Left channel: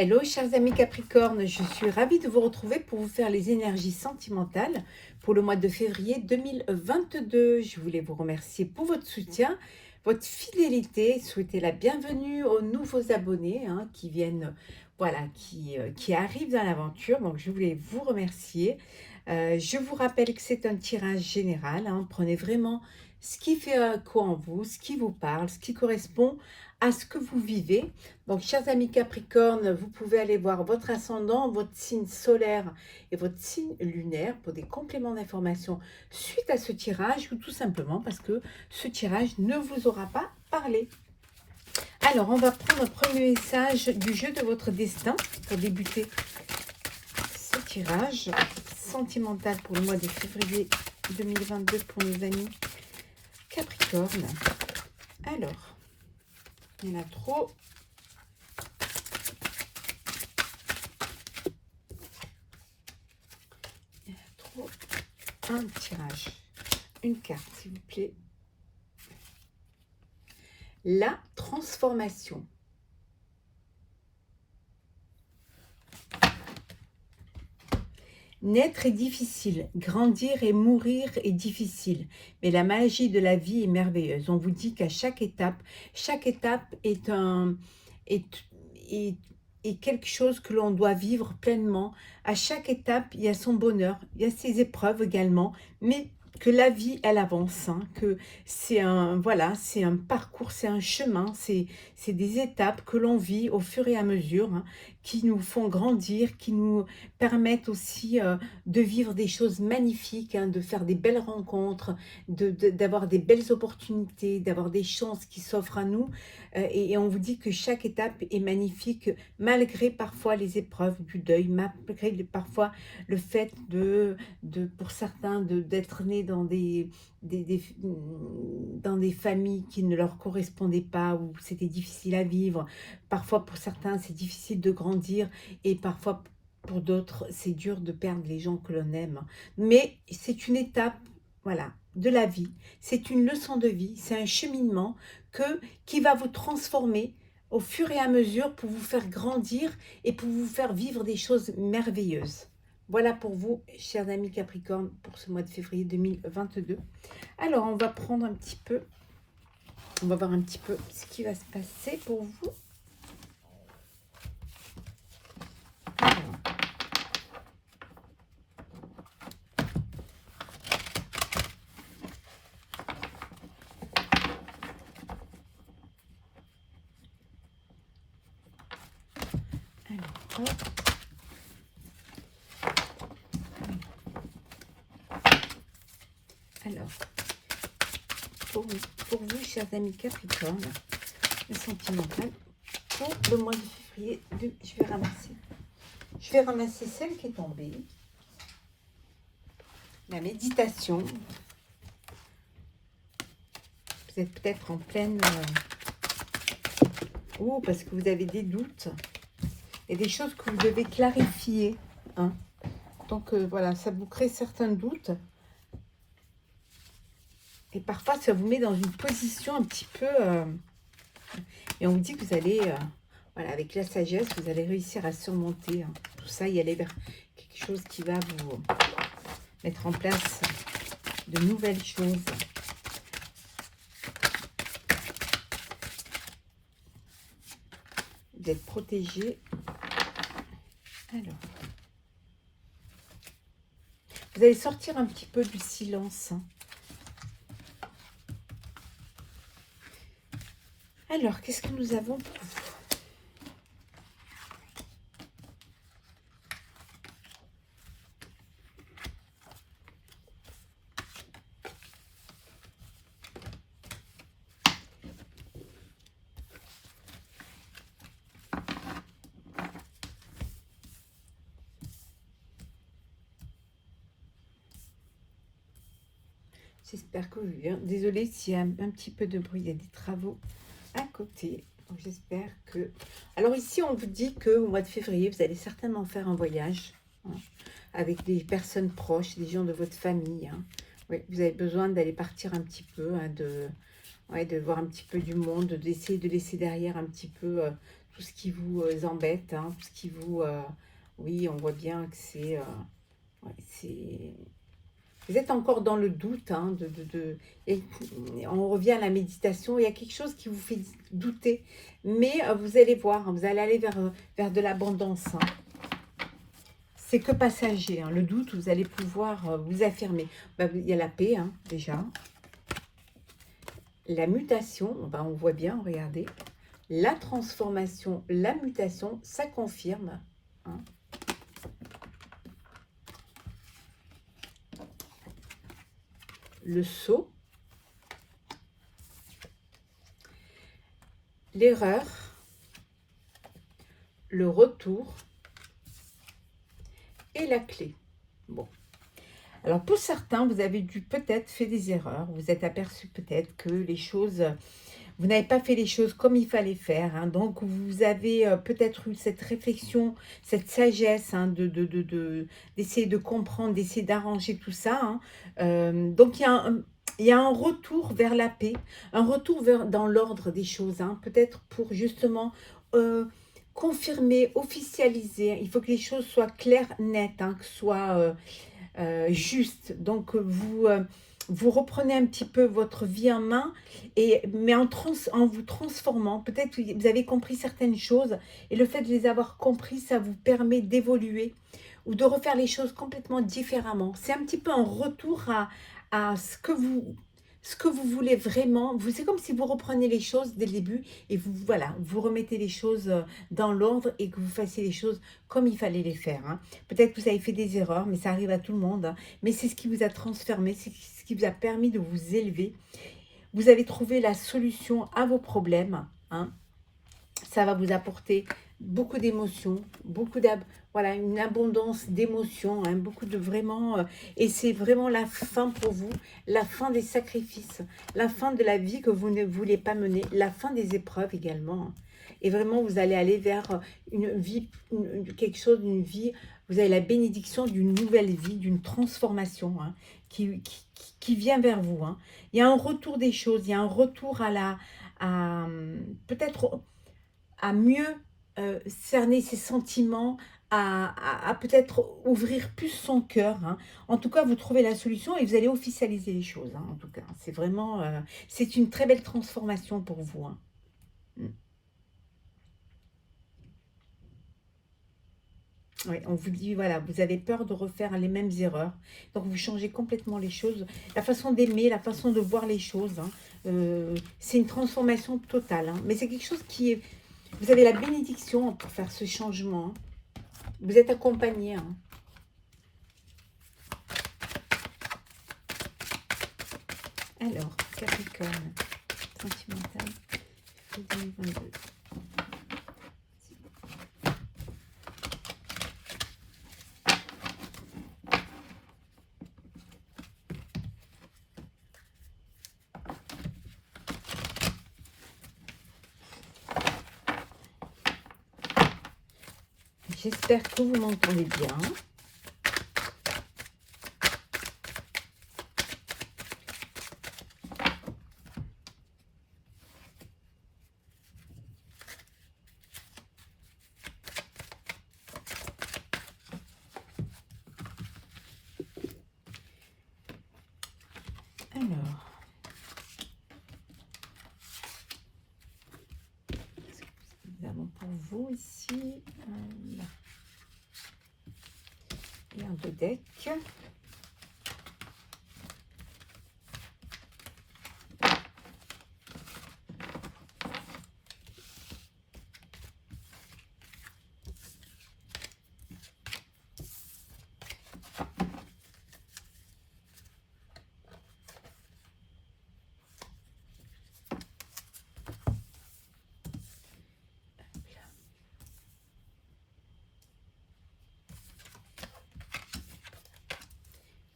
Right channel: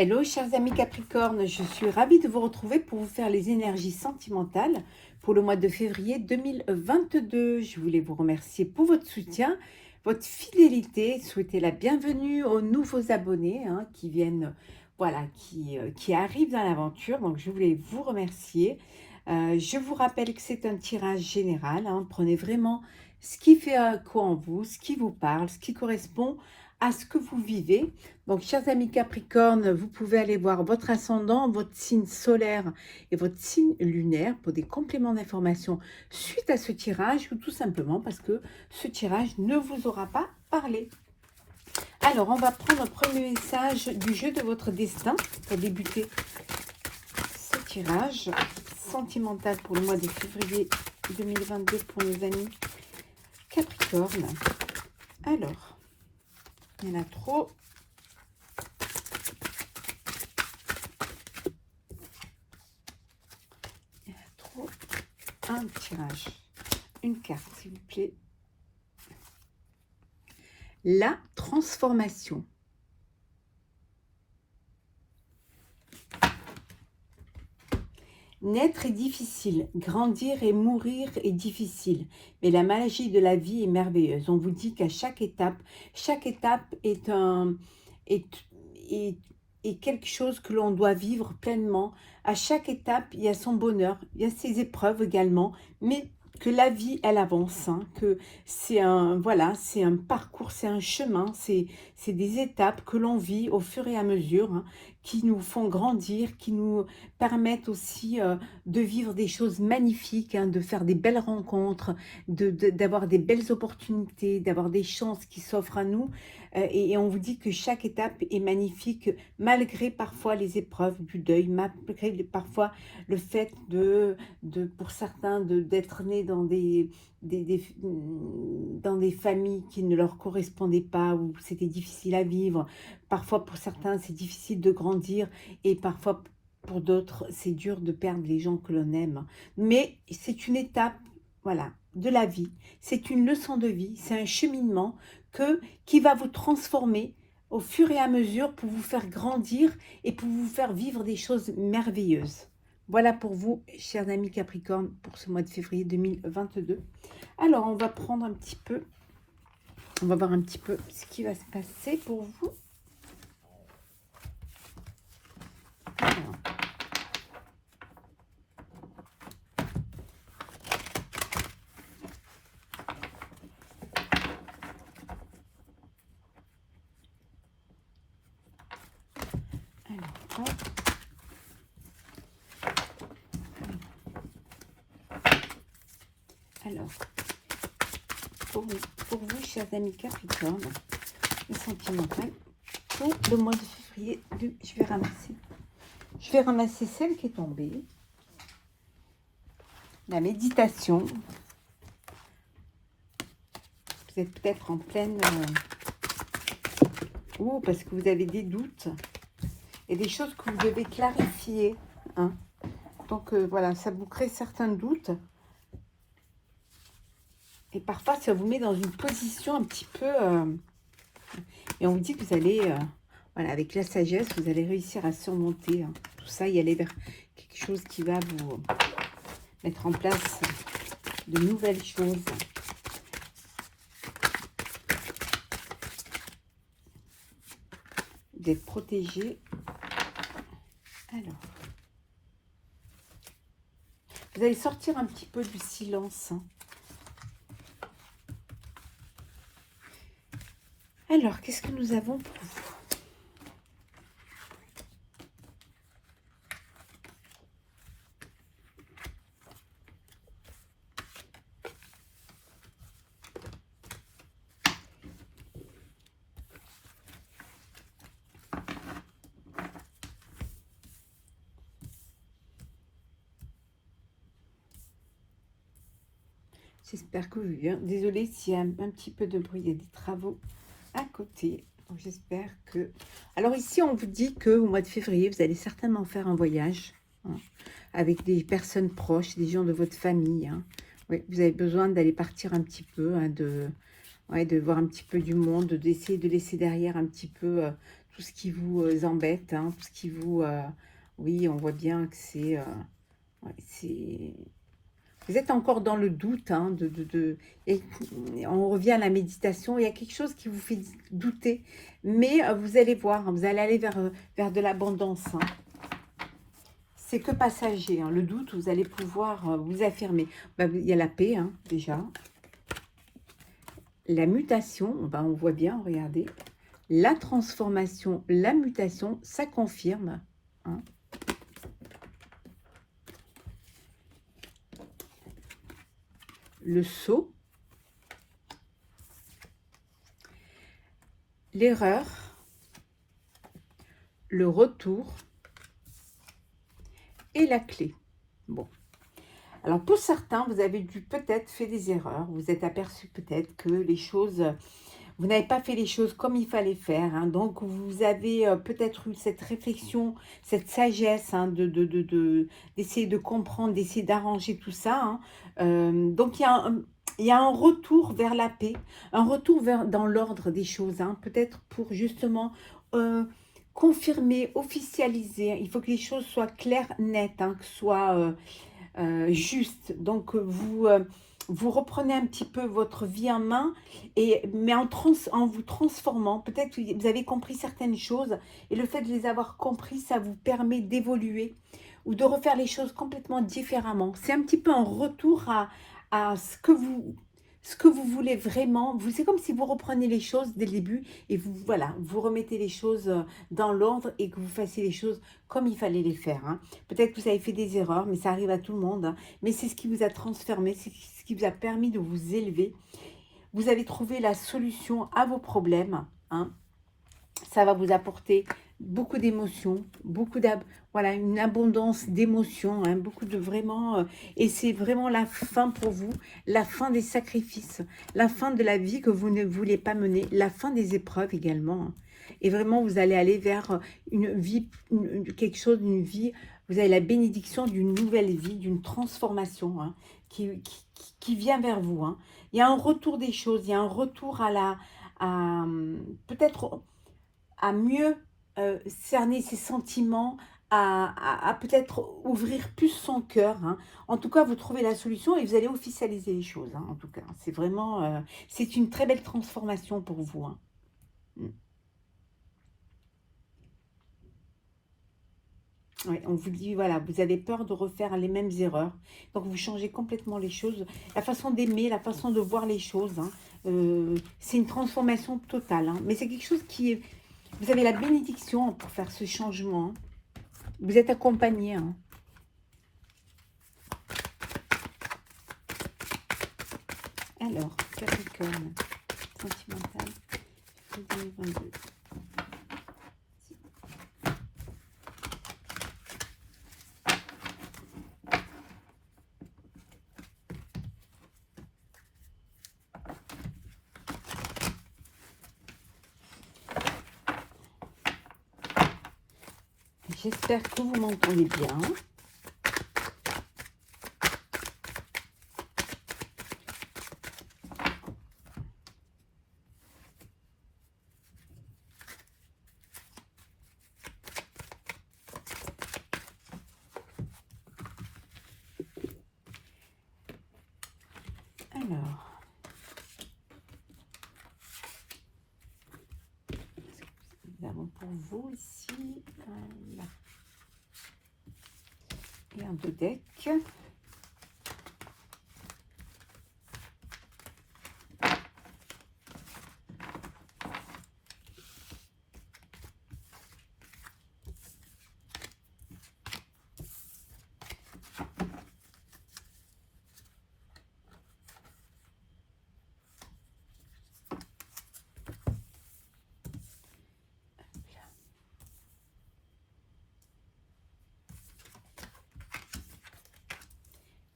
Hello chers amis Capricorne, je suis ravie de vous retrouver pour vous faire les énergies sentimentales pour le mois de février 2022. Je voulais vous remercier pour votre soutien, votre fidélité, souhaiter la bienvenue aux nouveaux abonnés qui viennent, voilà, qui arrivent dans l'aventure. Donc je voulais vous remercier. Je vous rappelle que c'est un tirage général, prenez vraiment ce qui fait quoi en vous, ce qui vous parle, ce qui correspond à ce que vous vivez. Donc, chers amis Capricorne, vous pouvez aller voir votre ascendant, votre signe solaire et votre signe lunaire pour des compléments d'information suite à ce tirage ou tout simplement parce que ce tirage ne vous aura pas parlé. Alors, on va prendre le premier message du jeu de votre destin pour débuter ce tirage sentimental pour le mois de février 2022 pour les amis Capricorne. Alors, il y en a trop. Un tirage, une carte s'il vous plaît. La transformation. Naître est difficile, grandir et mourir est difficile, mais la magie de la vie est merveilleuse. On vous dit qu'à chaque étape est quelque chose que l'on doit vivre pleinement. À chaque étape, il y a son bonheur, il y a ses épreuves également, mais que la vie, elle avance, que c'est un parcours, c'est un chemin, c'est des étapes que l'on vit au fur et à mesure, qui nous font grandir, qui nous permettent aussi de vivre des choses magnifiques, de faire des belles rencontres, d'avoir des belles opportunités, d'avoir des chances qui s'offrent à nous. Et on vous dit que chaque étape est magnifique, malgré parfois les épreuves du deuil, malgré parfois le fait pour certains d'être nés dans dans des familles qui ne leur correspondaient pas, où c'était difficile à vivre. Parfois pour certains c'est difficile de grandir et parfois pour d'autres c'est dur de perdre les gens que l'on aime. Mais c'est une étape, voilà, de la vie. C'est une leçon de vie, c'est un cheminement qui va vous transformer au fur et à mesure pour vous faire grandir et pour vous faire vivre des choses merveilleuses. Voilà pour vous, chers amis Capricorne, pour ce mois de février 2022. Alors, on va prendre un petit peu, on va voir un petit peu ce qui va se passer pour vous. Alors, pour vous, chers amis Capricorne, le sentimental, le mois de février, je vais ramasser celle qui est tombée. La méditation. Vous êtes peut-être en pleine... parce que vous avez des doutes. Et des choses que vous devez clarifier. Donc, voilà, ça vous crée certains doutes. Et parfois, ça vous met dans une position un petit peu... et on vous dit que vous allez... voilà, avec la sagesse, vous allez réussir à surmonter tout ça et aller vers quelque chose qui va vous mettre en place de nouvelles choses. Vous êtes protégé. Alors, vous allez sortir un petit peu du silence. Alors, qu'est-ce que nous avons pour vous? J'espère que vous allez bien. Désolée s'il y a un petit peu de bruit, il y a des travaux à côté. J'espère que... Alors ici, on vous dit qu'au mois de février, vous allez certainement faire un voyage avec des personnes proches, des gens de votre famille. Oui, vous avez besoin d'aller partir un petit peu, de voir un petit peu du monde, d'essayer de laisser derrière un petit peu tout ce qui vous embête, hein, tout ce qui vous... oui, on voit bien que c'est... vous êtes encore dans le doute, hein, et on revient à la méditation, il y a quelque chose qui vous fait douter, mais vous allez voir, hein, vous allez aller vers de l'abondance. Hein. C'est que passager, hein, le doute, vous allez pouvoir vous affirmer. Il y a la paix, hein, déjà. La mutation, on voit bien, regardez. La transformation, la mutation, ça confirme. Hein. Le saut. L'erreur. Le retour. Et la clé. Bon. Alors, pour certains, vous avez dû peut-être faire des erreurs. Vous êtes aperçu peut-être que les choses... Vous n'avez pas fait les choses comme il fallait faire. Hein. Donc, vous avez peut-être eu cette réflexion, cette sagesse hein, d'essayer de comprendre, d'essayer d'arranger tout ça. Hein. Donc, il y a un retour vers la paix, un retour dans l'ordre des choses. Hein. Peut-être pour justement confirmer, officialiser. Il faut que les choses soient claires, nettes, hein, que ce soit justes. Donc, vous reprenez un petit peu votre vie en main, mais en vous transformant. Peut-être que vous avez compris certaines choses, et le fait de les avoir compris, ça vous permet d'évoluer ou de refaire les choses complètement différemment. C'est un petit peu un retour à ce que vous voulez vraiment. C'est comme si vous reprenez les choses dès le début et vous remettez les choses dans l'ordre et que vous fassiez les choses comme il fallait les faire. Hein. Peut-être que vous avez fait des erreurs, mais ça arrive à tout le monde. Hein. Mais c'est ce qui vous a transformé, c'est ce qui vous a permis de vous élever. Vous avez trouvé la solution à vos problèmes. Hein. Ça va vous apporter beaucoup d'émotions, une abondance d'émotions, hein, beaucoup de vraiment, et c'est vraiment la fin pour vous, la fin des sacrifices, la fin de la vie que vous ne voulez pas mener, la fin des épreuves également. Et vraiment, vous allez aller vers une vie, quelque chose d'une vie, vous avez la bénédiction d'une nouvelle vie, d'une transformation hein, qui vient vers vous. Hein. Il y a un retour des choses, il y a un retour peut-être à mieux cerner ses sentiments, à peut-être ouvrir plus son cœur. Hein. En tout cas, vous trouvez la solution et vous allez officialiser les choses. Hein, en tout cas, c'est vraiment, c'est une très belle transformation pour vous. Hein. Oui, on vous dit, voilà, vous avez peur de refaire les mêmes erreurs. Donc, vous changez complètement les choses. La façon d'aimer, la façon de voir les choses, hein, c'est une transformation totale. Hein. Mais c'est quelque chose qui est... Vous avez la bénédiction pour faire ce changement. Hein. Vous êtes accompagné. Hein. Alors, Capricorne, sentimental, 2022. J'espère que vous m'entendez bien. Alors, nous avons pour vous ici et un deux decks.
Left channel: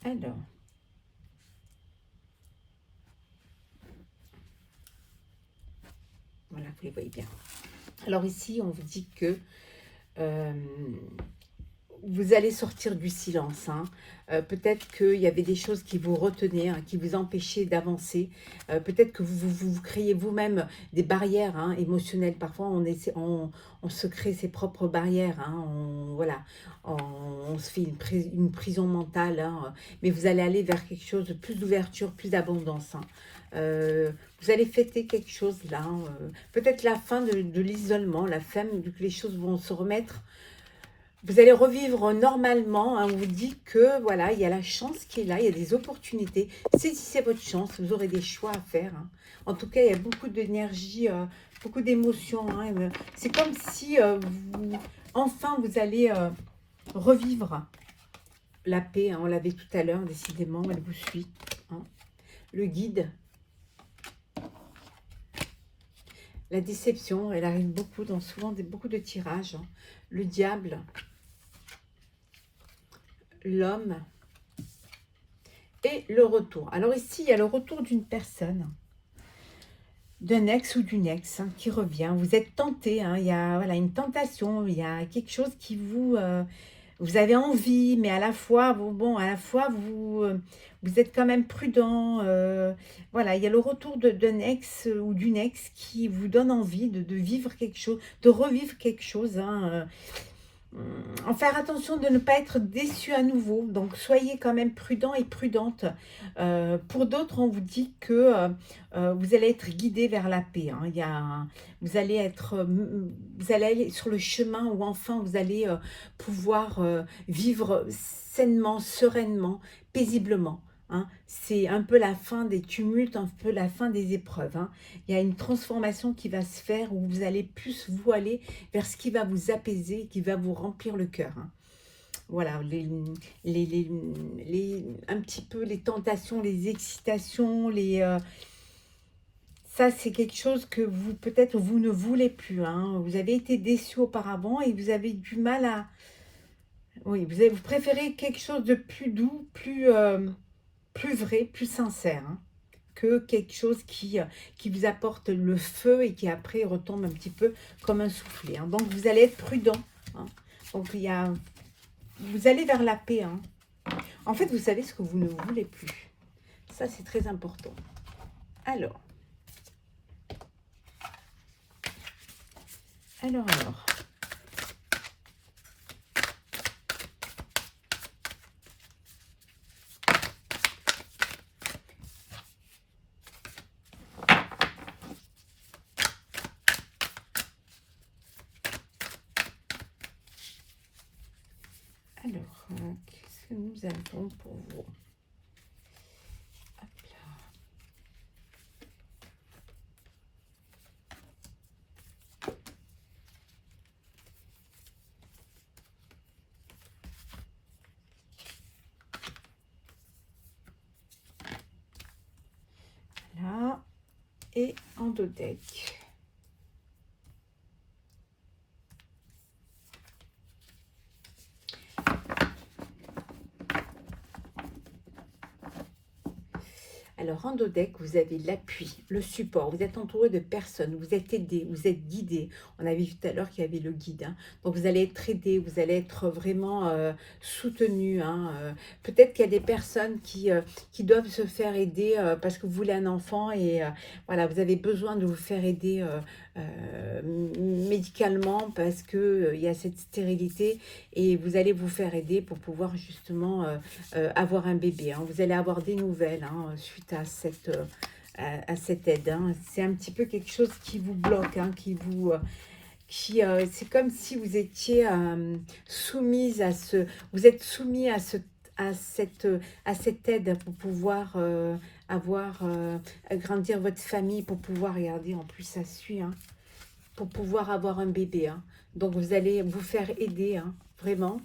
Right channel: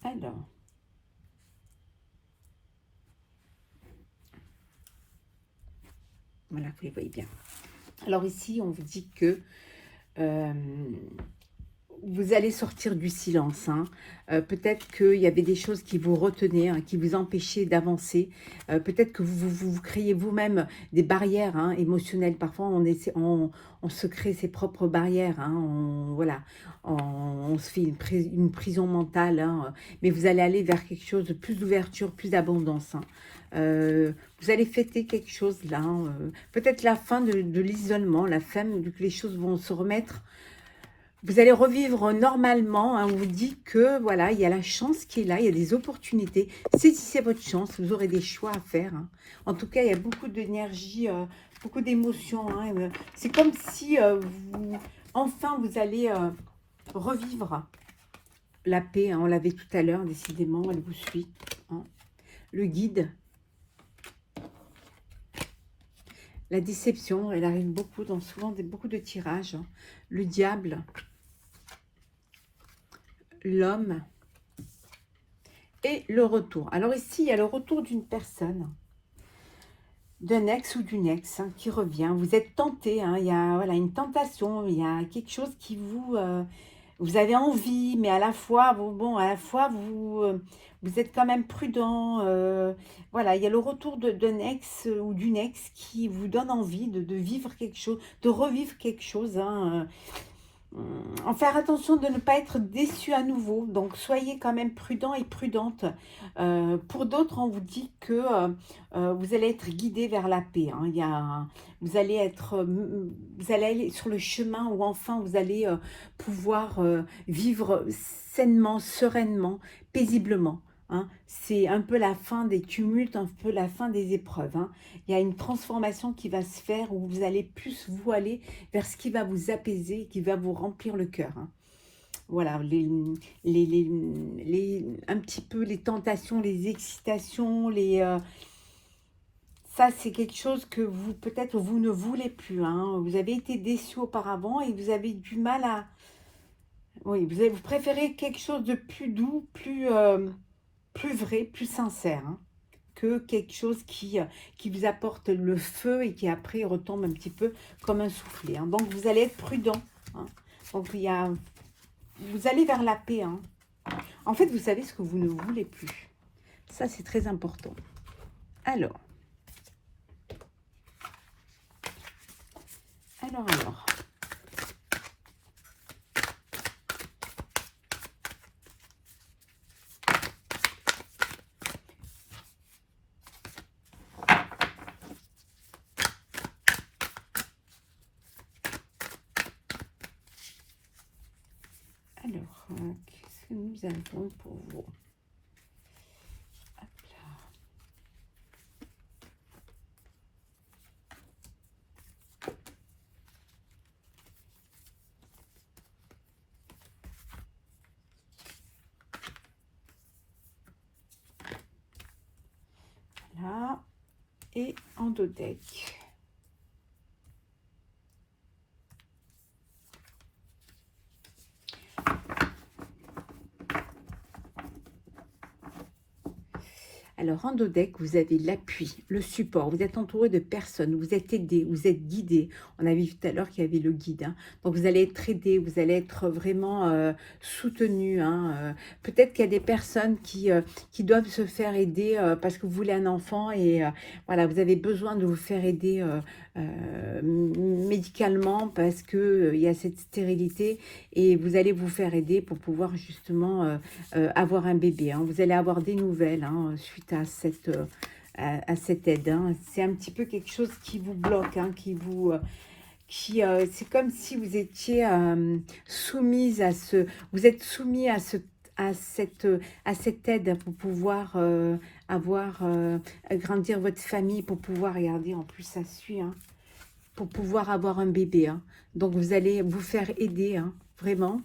Alors, voilà, vous les voyez bien. Alors ici, on vous dit que vous allez sortir du silence. Hein. Peut-être qu'il y avait des choses qui vous retenaient, hein, qui vous empêchaient d'avancer. Peut-être que vous créez vous-même des barrières hein, émotionnelles. Parfois, on se crée ses propres barrières. Hein, voilà, on se fait une prison mentale. Hein, mais vous allez aller vers quelque chose de plus d'ouverture, plus d'abondance. Hein. Vous allez fêter quelque chose là. Hein, peut-être la fin de l'isolement, la fin que les choses vont se remettre. Vous allez revivre normalement, hein, on vous dit que voilà, il y a la chance qui est là, il y a des opportunités. Saisissez votre chance, vous aurez des choix à faire. Hein. En tout cas, il y a beaucoup d'énergie, beaucoup d'émotions. Hein. C'est comme si enfin vous allez revivre la paix. Hein. On l'avait tout à l'heure, décidément, elle vous suit. Hein. Le guide. La déception, elle arrive beaucoup, dans souvent beaucoup de tirages. Hein. Le diable. L'homme et le retour. Alors ici, il y a le retour d'une personne, d'un ex ou d'une ex hein, qui revient. Vous êtes tenté, hein, il y a voilà, une tentation, il y a quelque chose qui vous... vous avez envie, mais à la fois, vous êtes quand même prudent. Voilà, il y a le retour d'un ex ou d'une ex qui vous donne envie de vivre quelque chose, de revivre quelque chose. Hein, en faire attention de ne pas être déçu à nouveau. Donc, soyez quand même prudent et prudente. Pour d'autres, on vous dit que vous allez être guidé vers la paix. Hein. Vous allez aller sur le chemin où enfin vous allez pouvoir vivre sainement, sereinement, paisiblement. Hein. C'est un peu la fin des tumultes, un peu la fin des épreuves. Hein. Il y a une transformation qui va se faire où vous allez plus vous aller vers ce qui va vous apaiser, qui va vous remplir le cœur. Hein. Voilà, un petit peu les tentations, les excitations, ça c'est quelque chose que vous peut-être vous ne voulez plus. Hein. Vous avez été déçu auparavant et vous avez du mal à... Oui, vous préférez quelque chose de plus doux, plus vrai, plus sincère, hein, que quelque chose qui vous apporte le feu et qui après retombe un petit peu comme un soufflet. Hein. Donc vous allez être prudent. Hein. Donc vous allez vers la paix. Hein. En fait, vous savez ce que vous ne voulez plus. Ça, c'est très important. Alors. Qu'est-ce que nous avons pour vous? Hop là. Là. Et en dos deck. Alors, en dos deck, vous avez l'appui, le support. Vous êtes entouré de personnes, vous êtes aidé, vous êtes guidé. On a vu tout à l'heure qu'il y avait le guide. Hein. Donc, vous allez être aidé, vous allez être vraiment soutenu. Hein. Peut-être qu'il y a des personnes qui doivent se faire aider parce que vous voulez un enfant et voilà, vous avez besoin de vous faire aider médicalement parce qu'il y a cette stérilité et vous allez vous faire aider pour pouvoir justement avoir un bébé. Hein. Vous allez avoir des nouvelles hein, suite à cette aide. Hein. C'est un petit peu quelque chose qui vous bloque, hein, c'est comme si vous étiez soumise à vous êtes soumis à cette aide pour pouvoir agrandir votre famille, pour pouvoir, regardez, en plus ça suit, hein, pour pouvoir avoir un bébé. Hein. Donc vous allez vous faire aider, hein, vraiment,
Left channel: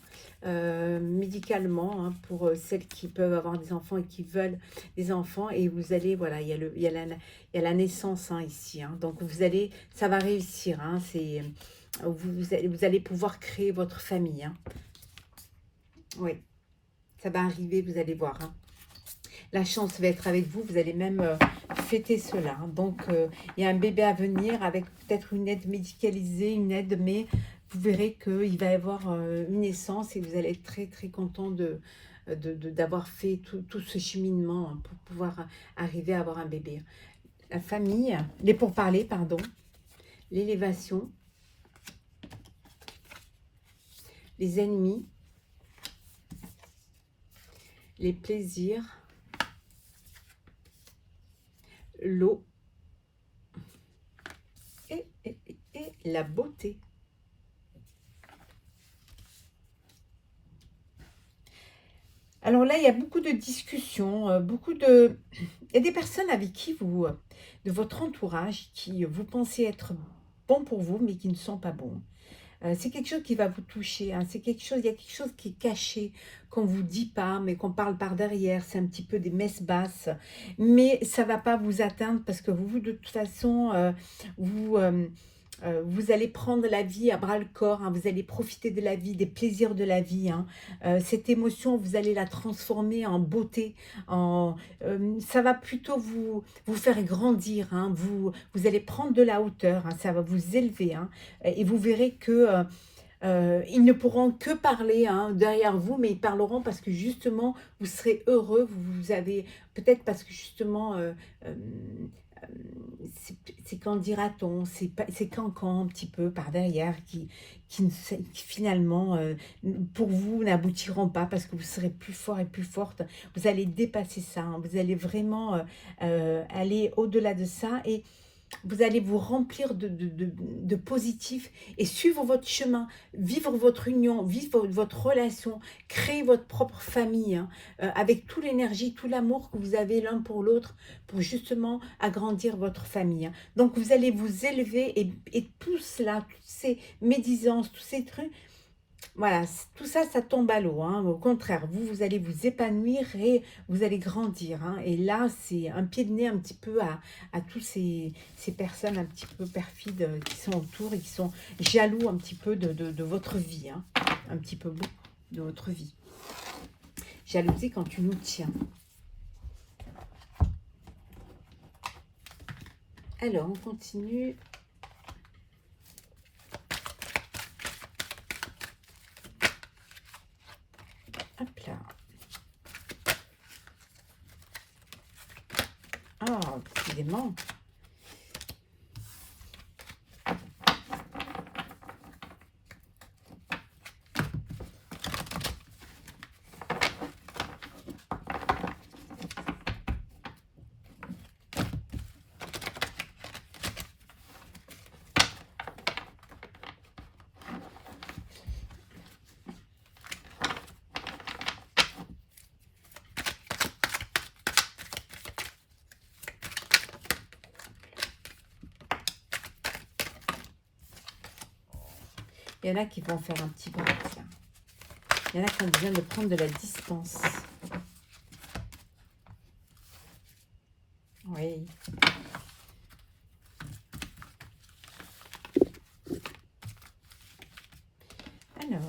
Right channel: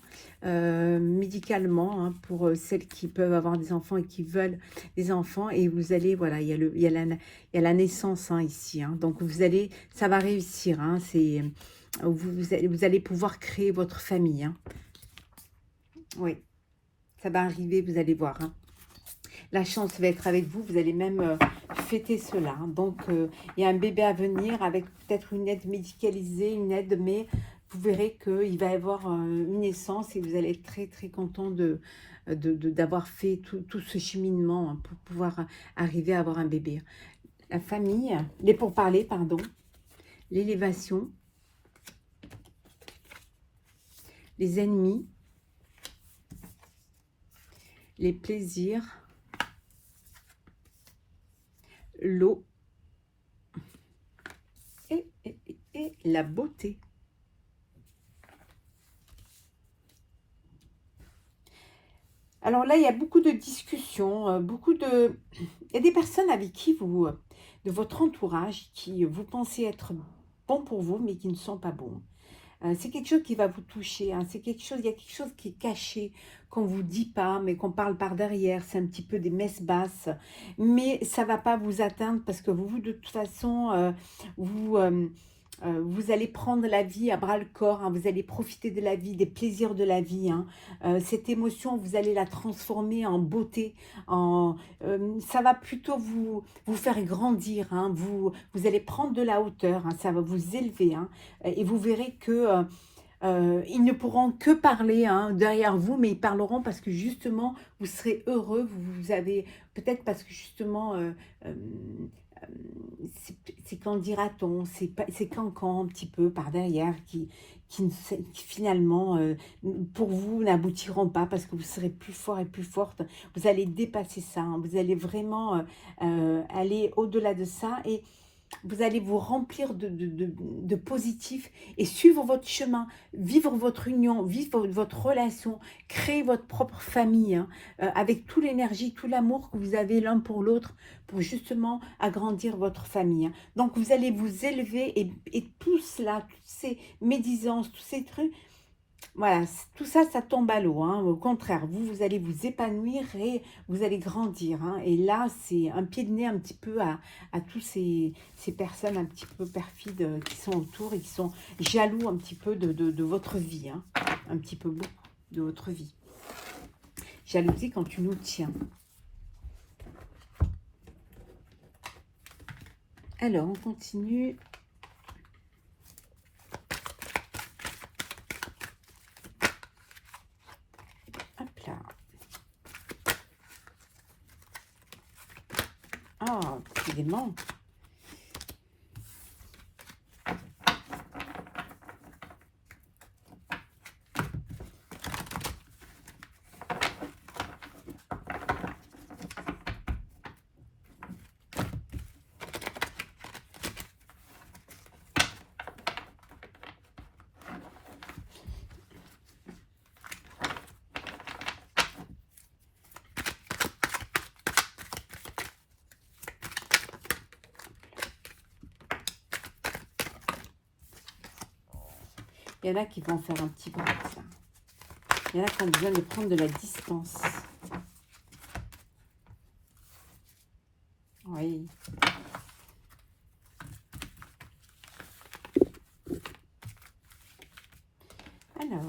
médicalement, hein, pour celles qui peuvent avoir des enfants et qui veulent des enfants. Et vous allez, voilà, il y a la naissance hein, ici. Hein. Donc ça va réussir. Hein, vous allez pouvoir créer votre famille. Hein. Oui, ça va arriver, vous allez voir. Hein. La chance va être avec vous, vous allez même fêter cela. Hein. Donc, il y a un bébé à venir avec peut-être une aide médicalisée, une aide, mais vous verrez qu'il va y avoir une naissance et vous allez être très très content d'avoir fait tout ce cheminement hein, pour pouvoir arriver à avoir un bébé. La famille, les pourparlers, pardon, l'élévation, les ennemis, les plaisirs, l'eau et la beauté. Alors là, il y a beaucoup de discussions, il y a des personnes avec qui vous, de votre entourage, qui vous pensez être bons pour vous, mais qui ne sont pas bons. C'est quelque chose qui va vous toucher, hein. C'est quelque chose, il y a quelque chose qui est caché, qu'on ne vous dit pas, mais qu'on parle par derrière. C'est un petit peu des messes basses, mais ça ne va pas vous atteindre parce que vous de toute façon, vous allez prendre la vie à bras-le-corps, hein. Vous allez profiter de la vie, des plaisirs de la vie, hein. Cette émotion, vous allez la transformer en beauté. Ça va plutôt vous faire grandir, hein. Vous allez prendre de la hauteur, hein. Ça va vous élever, hein. Et vous verrez que ils ne pourront que parler hein, derrière vous, mais ils parleront parce que justement, vous serez heureux. Vous avez peut-être parce que justement, euh, c'est qu'en dira-t-on, c'est cancan un petit peu par derrière qui finalement, pour vous, n'aboutiront pas parce que vous serez plus fort et plus forte. Vous allez dépasser ça, hein. Vous allez vraiment aller au-delà de ça et vous allez vous remplir de positif et suivre votre chemin, vivre votre union, vivre votre relation, créer votre propre famille, hein, avec toute l'énergie, tout l'amour que vous avez l'un pour l'autre, pour justement agrandir votre famille, hein. Donc vous allez vous élever et tout cela, toutes ces médisances, tous ces trucs, voilà, tout ça, ça tombe à l'eau, hein. Au contraire, vous allez vous épanouir et vous allez grandir, hein. Et là, c'est un pied de nez un petit peu à tous ces personnes un petit peu perfides qui sont autour et qui sont jaloux un petit peu de votre vie, hein. Un petit peu beaucoup de votre vie. Jalousie quand tu nous tiens. Alors, on continue. Hop là. Ah, décidément. Il y en a qui vont faire un petit break. Il y en a qui ont besoin de prendre de la distance. Oui. Alors.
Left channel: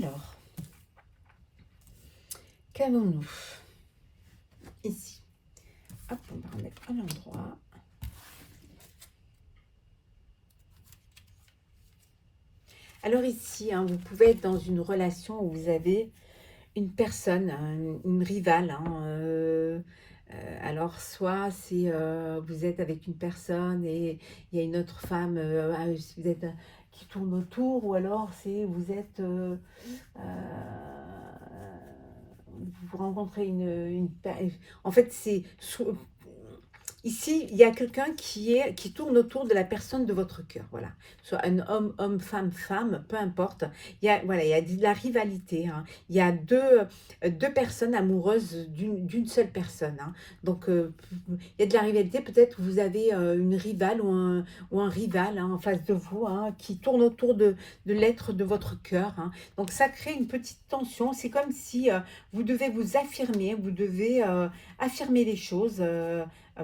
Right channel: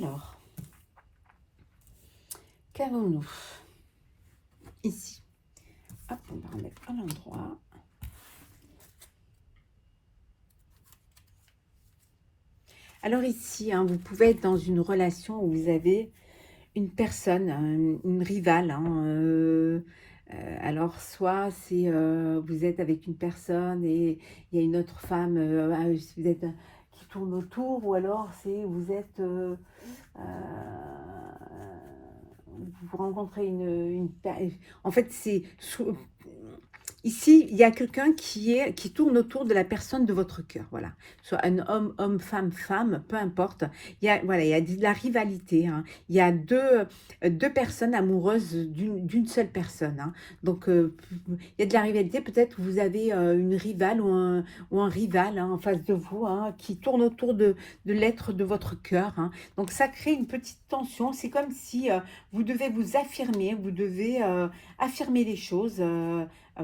Alors, qu'avons-nous ici? Hop, on va remettre à l'endroit. Alors ici, hein, vous pouvez être dans une relation où vous avez une personne, une rivale. Hein, alors, soit c'est vous êtes avec une personne et il y a une autre femme, vous êtes, qui tourne autour, ou alors c'est vous êtes... vous rencontrez en fait, c'est Ici, il y a quelqu'un qui tourne autour de la personne de votre cœur, voilà. Soit un homme, homme, femme, femme, peu importe. Voilà, il y a de la rivalité, hein. Il y a deux personnes amoureuses d'une seule personne, hein. Donc, il y a de la rivalité. Peut-être que vous avez une rivale ou un rival, hein, en face de vous, hein, qui tourne autour de l'être de votre cœur, hein. Donc, ça crée une petite tension. C'est comme si vous devez vous affirmer, vous devez affirmer les choses.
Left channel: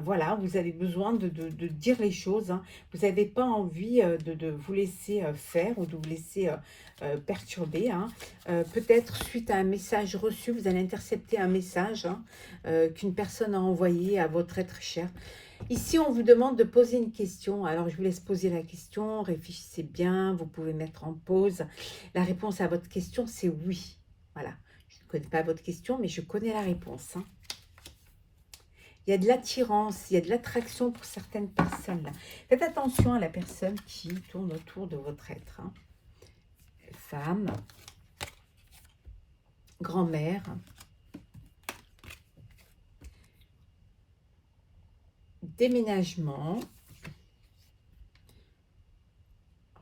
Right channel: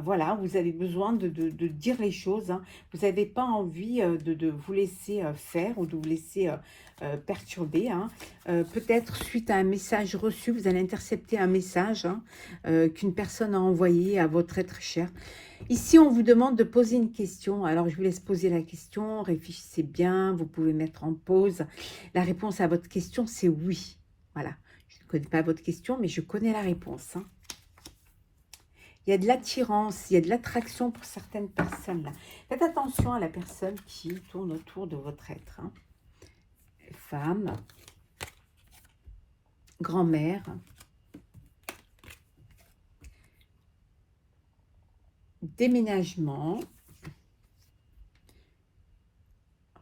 Voilà, vous avez besoin de dire les choses, hein. Vous n'avez pas envie de vous laisser faire ou de vous laisser perturber, hein. Peut-être suite à un message reçu, vous allez intercepter un message, hein, qu'une personne a envoyé à votre être cher. Ici, on vous demande de poser une question. Alors, je vous laisse poser la question. Réfléchissez bien. Vous pouvez mettre en pause. La réponse à votre question, c'est oui. Voilà. Je ne connais pas votre question, mais je connais la réponse, hein. Il y a de l'attirance, il y a de l'attraction pour certaines personnes. Là. Faites attention à la personne qui tourne autour de votre être, hein. Femme, grand-mère, déménagement,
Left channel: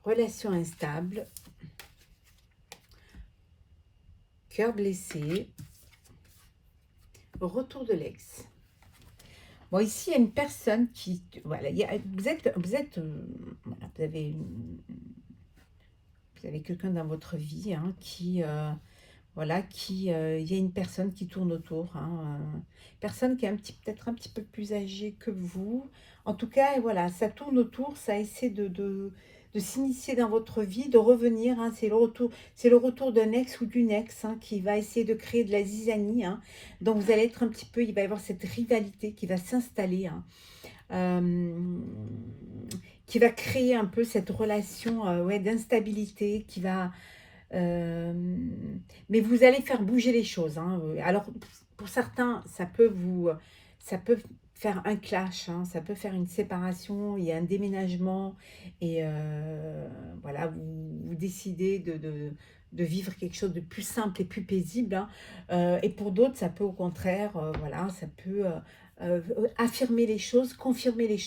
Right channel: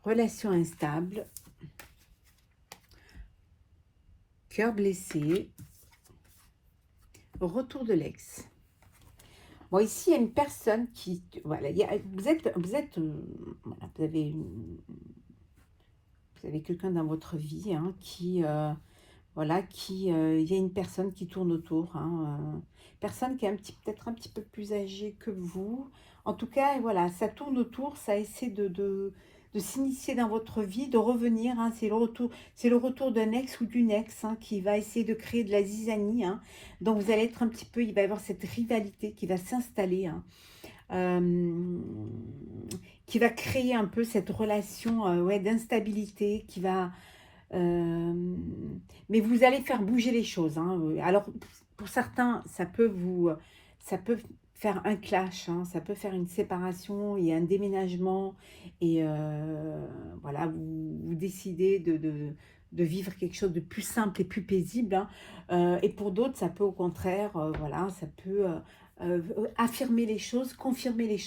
relation instable, cœur blessé, retour de l'ex. Bon, ici, il y a une personne qui... Voilà, vous avez quelqu'un dans votre vie, hein, qui... voilà, il y a une personne qui tourne autour, hein, personne qui est peut-être un petit peu plus âgée que vous. En tout cas, voilà, ça tourne autour, ça essaie de s'initier dans votre vie, de revenir, hein. C'est le retour d'un ex ou d'une ex, hein, qui va essayer de créer de la zizanie, hein. Donc vous allez être un petit peu, il va y avoir cette rivalité qui va s'installer, hein. Qui va créer un peu cette relation ouais, d'instabilité, qui va... mais vous allez faire bouger les choses, hein. Alors, pour certains, ça peut faire un clash, hein, ça peut faire une séparation, il y a un déménagement, et voilà, vous décidez de vivre quelque chose de plus simple et plus paisible, hein. Et pour d'autres, ça peut au contraire, voilà, ça peut affirmer les choses, confirmer les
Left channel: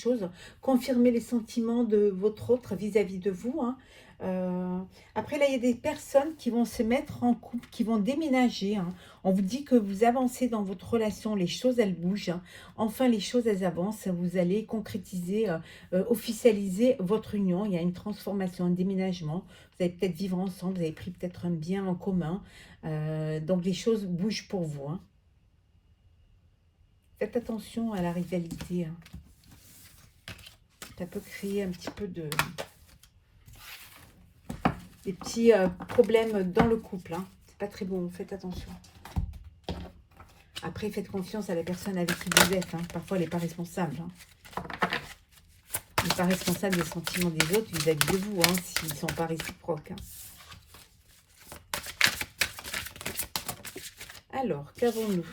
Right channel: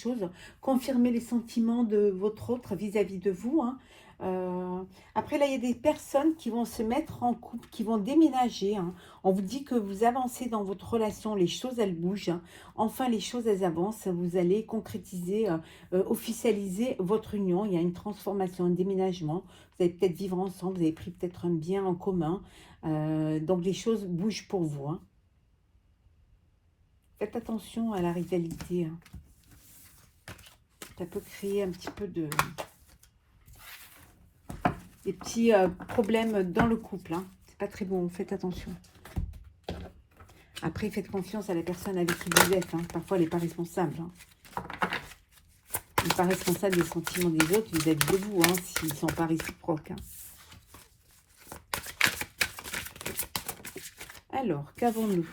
sentiments de votre autre vis-à-vis de vous, hein. Après, là, il y a des personnes qui vont se mettre en couple, qui vont déménager, hein. On vous dit que vous avancez dans votre relation, les choses, elles bougent, hein. Enfin, les choses, elles avancent. Vous allez concrétiser, officialiser votre union. Il y a une transformation, un déménagement. Vous allez peut-être vivre ensemble, vous avez pris peut-être un bien en commun. Donc, les choses bougent pour vous, hein. Faites attention à la rivalité, hein. Ça peut créer un petit peu des petits problèmes dans le couple, hein. C'est pas très bon, faites attention. Après, faites confiance à la personne avec qui vous êtes, hein. Parfois, elle n'est pas responsable, hein. Elle n'est pas responsable des sentiments des autres vis-à-vis de vous, hein, s'ils ne sont pas réciproques, hein. Alors, qu'avons-nous?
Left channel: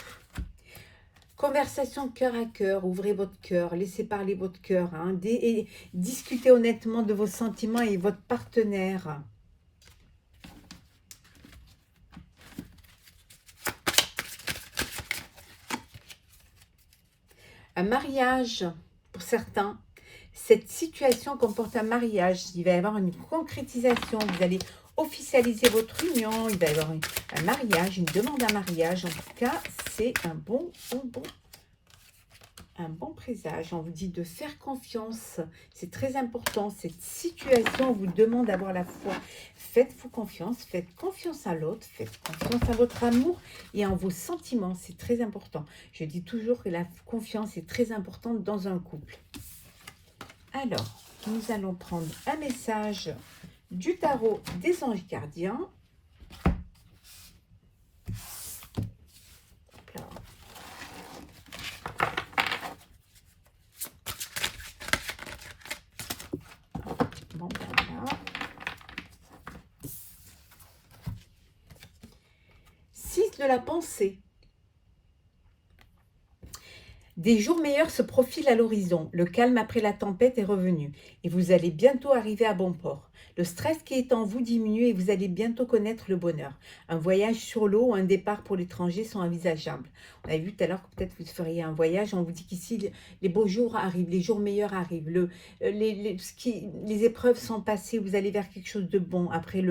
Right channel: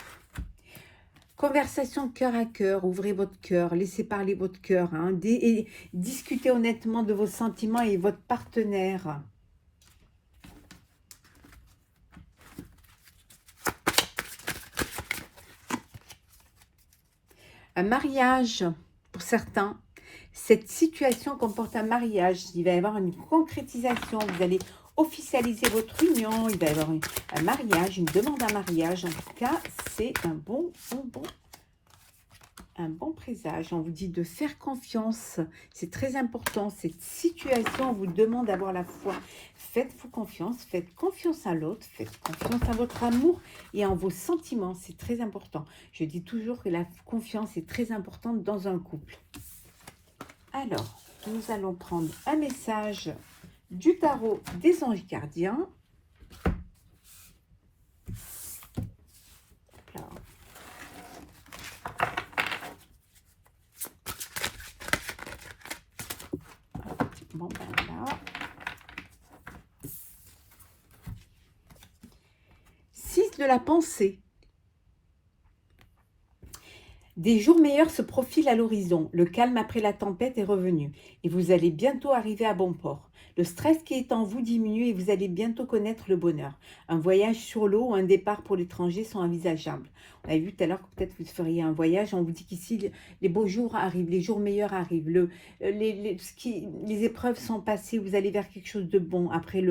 Conversation cœur à cœur, ouvrez votre cœur, laissez parler votre cœur, hein, et discutez honnêtement de vos sentiments et votre partenaire. Un mariage, pour certains, cette situation comporte un mariage. Il va y avoir une concrétisation, vous allez officialiser votre union, il va y avoir un mariage, une demande à mariage. En tout cas, c'est un bon présage. On vous dit de faire confiance, c'est très important. Cette situation vous demande d'avoir la foi. Faites-vous confiance, faites confiance à l'autre, faites confiance à votre amour et en vos sentiments, c'est très important. Je dis toujours que la confiance est très importante dans un couple. Alors, nous allons prendre un message du tarot des anges gardiens. Bon, voilà. 6 de la pensée. Des jours meilleurs se profilent à l'horizon. Le calme après la tempête est revenu et vous allez bientôt arriver à bon port. Le stress qui est en vous diminue et vous allez bientôt connaître le bonheur. Un voyage sur l'eau ou un départ pour l'étranger sont envisageables. On a vu tout à l'heure que peut-être vous feriez un voyage. On vous dit qu'ici, les beaux jours arrivent, les jours meilleurs arrivent. Les épreuves sont passées, vous allez vers quelque chose de bon. Après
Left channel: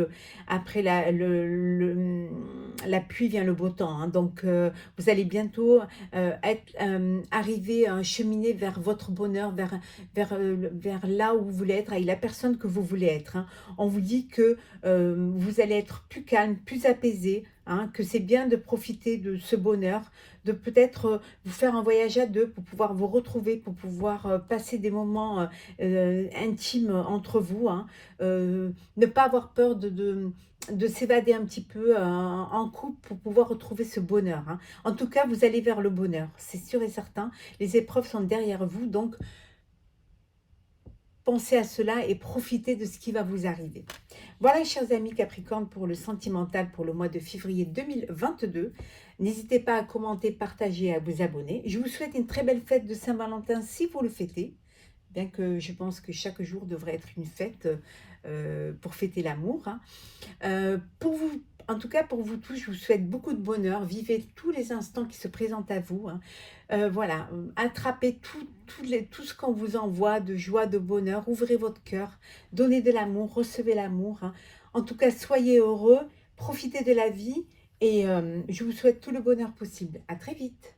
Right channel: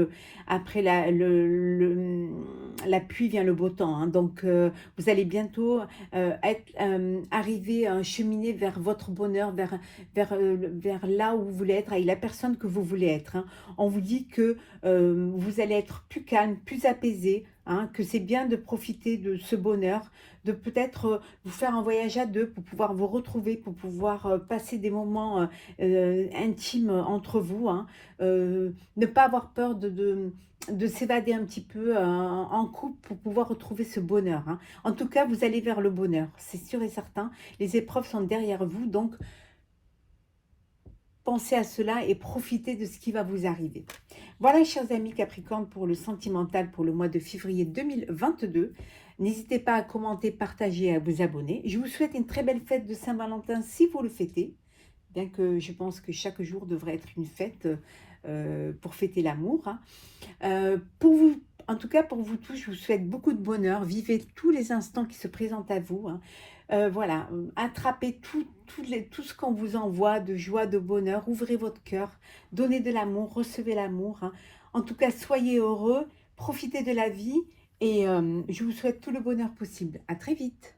la pluie vient le beau temps, hein. Donc, vous allez bientôt arriver à cheminer vers votre bonheur, vers là où vous voulez être, avec la personne que vous voulez être, hein. On vous dit que vous allez être plus calme, plus apaisé, hein, que c'est bien de profiter de ce bonheur, de peut-être vous faire un voyage à deux pour pouvoir vous retrouver, pour pouvoir passer des moments intimes entre vous, hein. Ne pas avoir peur de s'évader un petit peu en couple pour pouvoir retrouver ce bonheur, hein. En tout cas, vous allez vers le bonheur, c'est sûr et certain. Les épreuves sont derrière vous, donc pensez à cela et profitez de ce qui va vous arriver. Voilà, chers amis Capricorne, pour le sentimental pour le mois de février 2022. N'hésitez pas à commenter, partager et à vous abonner. Je vous souhaite une très belle fête de Saint-Valentin si vous le fêtez, bien que je pense que chaque jour devrait être une fête pour fêter l'amour, hein. Pour vous, en tout cas pour vous tous, je vous souhaite beaucoup de bonheur. Vivez tous les instants qui se présentent à vous, hein. Voilà, attrapez tout ce qu'on vous envoie de joie, de bonheur. Ouvrez votre cœur, donnez de l'amour, recevez l'amour, hein. En tout cas, soyez heureux, profitez de la vie et je vous souhaite tout le bonheur possible. À très vite.